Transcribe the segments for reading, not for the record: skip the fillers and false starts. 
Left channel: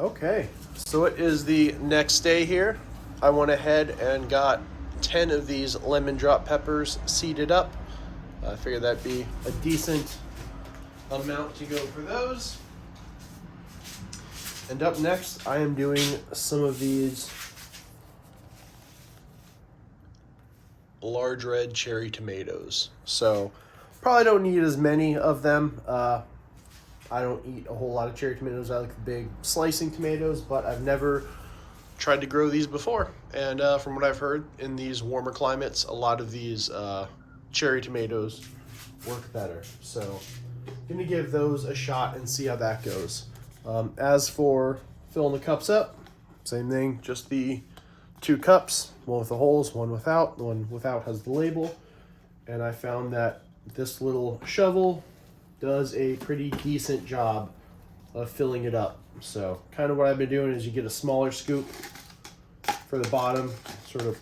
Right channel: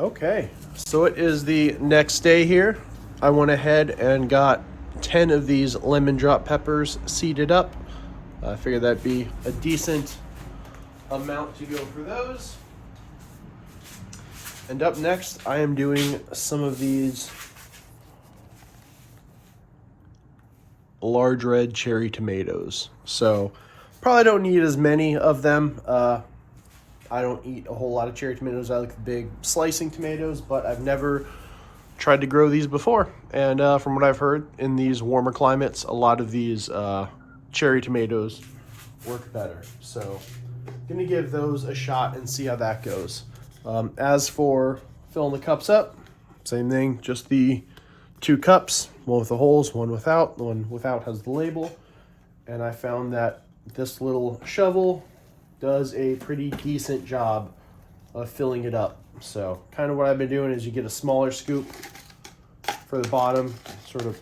Okay, so it is the next day here. I went ahead and got 10 of these lemon drop peppers seeded up. I figured that'd be a decent amount to go for those. And up next, I am doing some of these large red cherry tomatoes. So probably don't need as many of them. I don't eat a whole lot of cherry tomatoes. I like the big slicing tomatoes, but I've never tried to grow these before. And from what I've heard, in these warmer climates, a lot of these cherry tomatoes work better. So I'm gonna give those a shot and see how that goes. As for filling the cups up, same thing, just the 2 cups, one with the holes, one without. The one without has the label. And I found that this little shovel does a pretty decent job of filling it up. So kind of what I've been doing is you get a smaller scoop for the bottom, sort of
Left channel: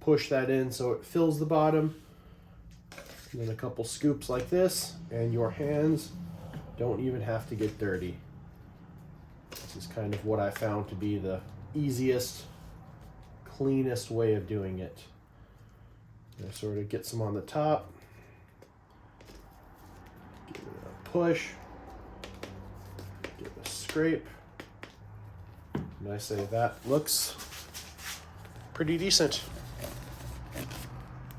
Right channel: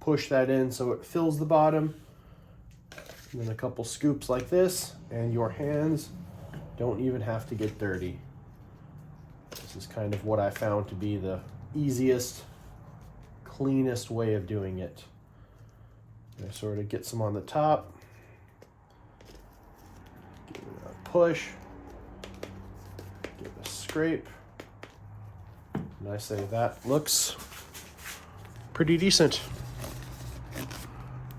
push that in so it fills the bottom. And then a couple scoops like this, and your hands don't even have to get dirty. This is kind of what I found to be the easiest, cleanest way of doing it. And sort of get some on the top. Give it a push. Give it a scrape. And I say that looks pretty decent.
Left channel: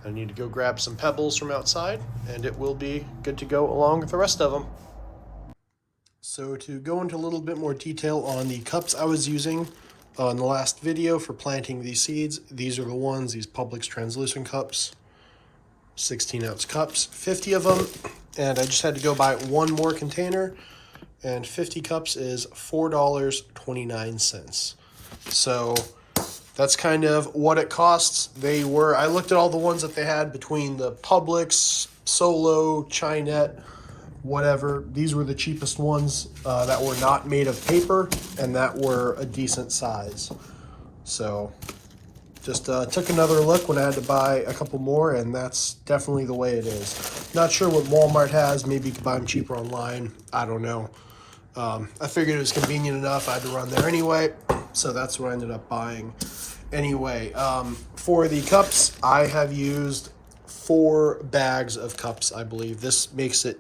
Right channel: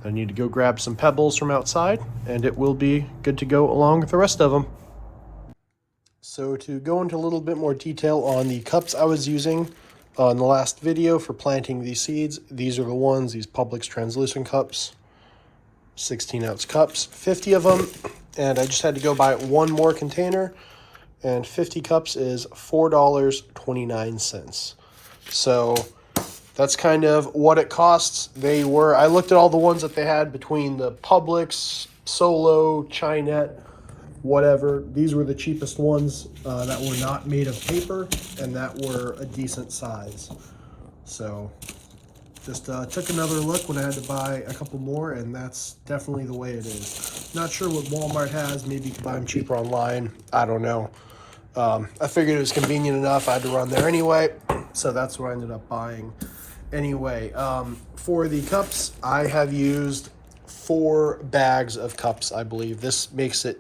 I need to go grab some pebbles from outside, and it will be good to go along with the rest of them. So to go into a little bit more detail on the cups I was using on the last video for planting these seeds, these are the ones, these Publix translucent cups, 16-ounce cups, 50 of them, and I just had to go buy one more container, and 50 cups is $4.29. So that's kind of what it costs. I looked at all the ones that they had between the Publix, Solo, Chinette, whatever. These were the cheapest ones that were not made of paper and that were a decent size. So just took another look when I had to buy a couple more, and that's definitely the way it is. Not sure what Walmart has. Maybe you could buy them cheaper online. I don't know. I figured it was convenient enough. I had to run there anyway, so that's what I ended up buying. Anyway, for the cups, I have used 4 bags of cups, I believe. This makes it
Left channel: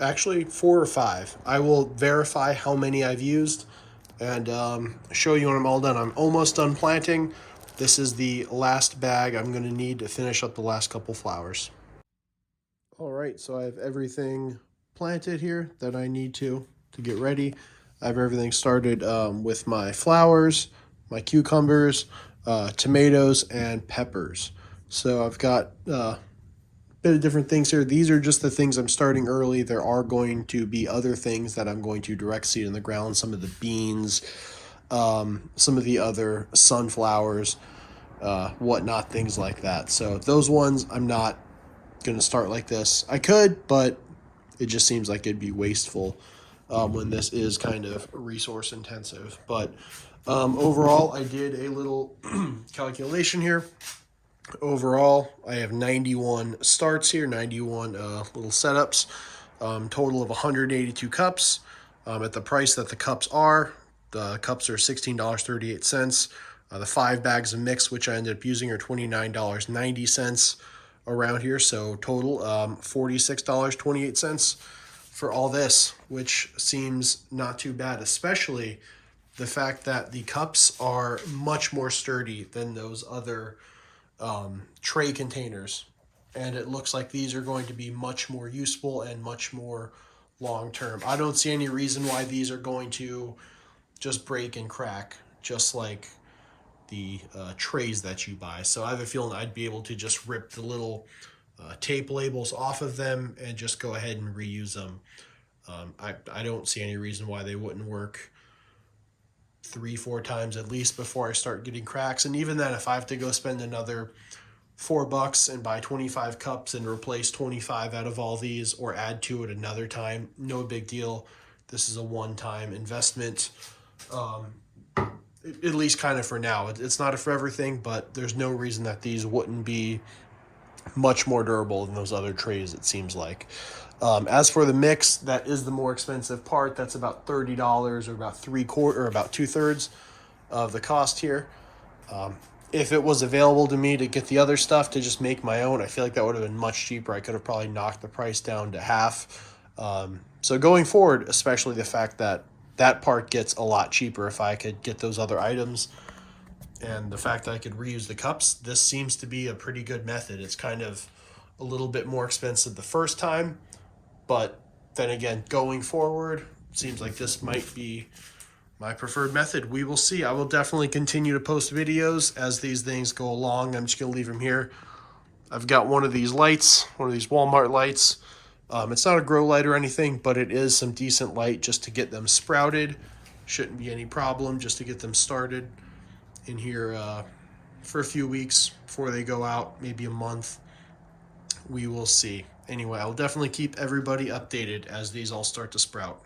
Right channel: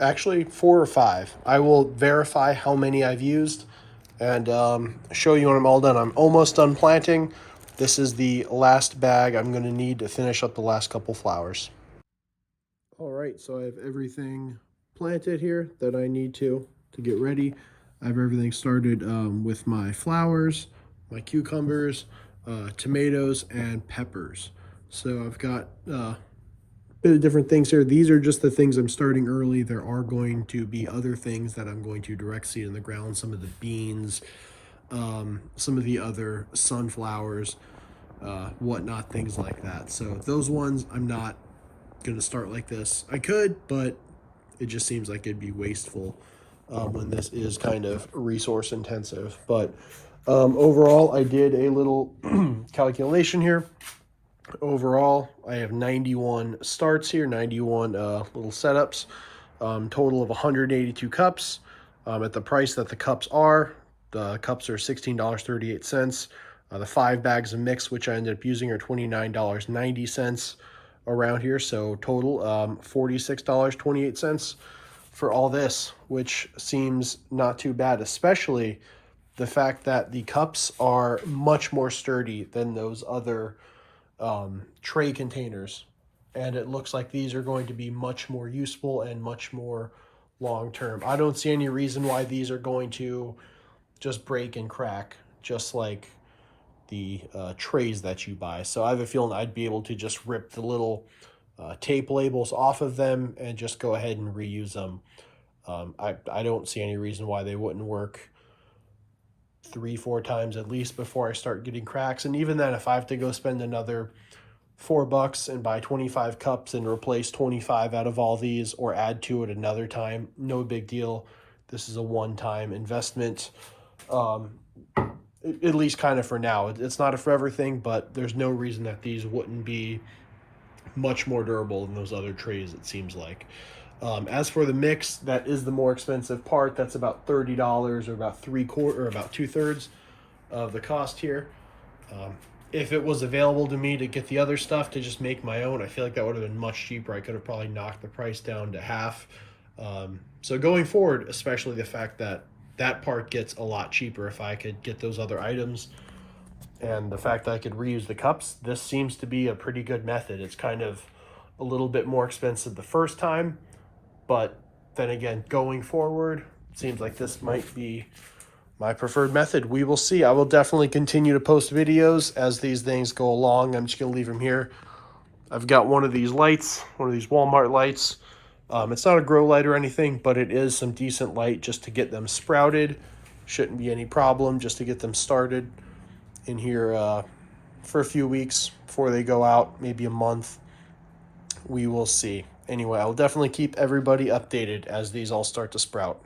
actually 4 or 5. I will verify how many I've used and show you when I'm all done. I'm almost done planting. This is the last bag I'm going to need to finish up the last couple flowers. All right, so I have everything planted here that I need to get ready. I have everything started with my flowers, my cucumbers, tomatoes, and peppers. So I've got a bit of different things here. These are just the things I'm starting early. There are going to be other things that I'm going to direct seed in the ground, some of the beans, some of the other sunflowers, whatnot, things like that. So those ones I'm not going to start like this. I could, but it just seems like it'd be wasteful when this is kind of resource intensive. But overall, I did a little calculation here. Overall, I have 91 starts here, 91 little setups, total of 182 cups. At the price that the cups are $16.38. The 5 bags of mix, which I ended up using, are $29.90 around here. So total $46.28 for all this, which seems not too bad, especially the fact that the cups are much more sturdy than those other tray containers. And it looks like these are going to be much more useful and much more long term. I don't see any reason why these are going to just break and crack, just like the trays that you buy. So I have a feeling I'd be able to just rip the little tape labels off of them and just go ahead and reuse them. I don't see any reason why they wouldn't work 3-4 times at least before I start getting cracks. And even then, if I have to go spend another $4 and buy 25 cups and replace 25 out of all these or add to it another time, no big deal. This is a one-time investment, at least kind of for now. It's not a forever thing, but there's no reason that these wouldn't be much more durable than those other trays, it seems like. As for the mix, that is the more expensive part. That's about $30 or about 3/4 or about 2/3 of the cost here. If it was available to me to get the other stuff to just make my own, I feel like that would have been much cheaper. I could have probably knocked the price down to half. So going forward, especially the fact that that part gets a lot cheaper if I could get those other items, and the fact that I could reuse the cups, this seems to be a pretty good method. It's kind of a little bit more expensive the first time, but then again, going forward, seems like this might be my preferred method. We will see. I will definitely continue to post videos as these things go along. I'm just going to leave them here. I've got one of these lights, one of these Walmart lights. It's not a grow light or anything, but it is some decent light just to get them sprouted. Shouldn't be any problem just to get them started in here for a few weeks before they go out, maybe a month. We will see. Anyway, I'll definitely keep everybody updated as these all start to sprout.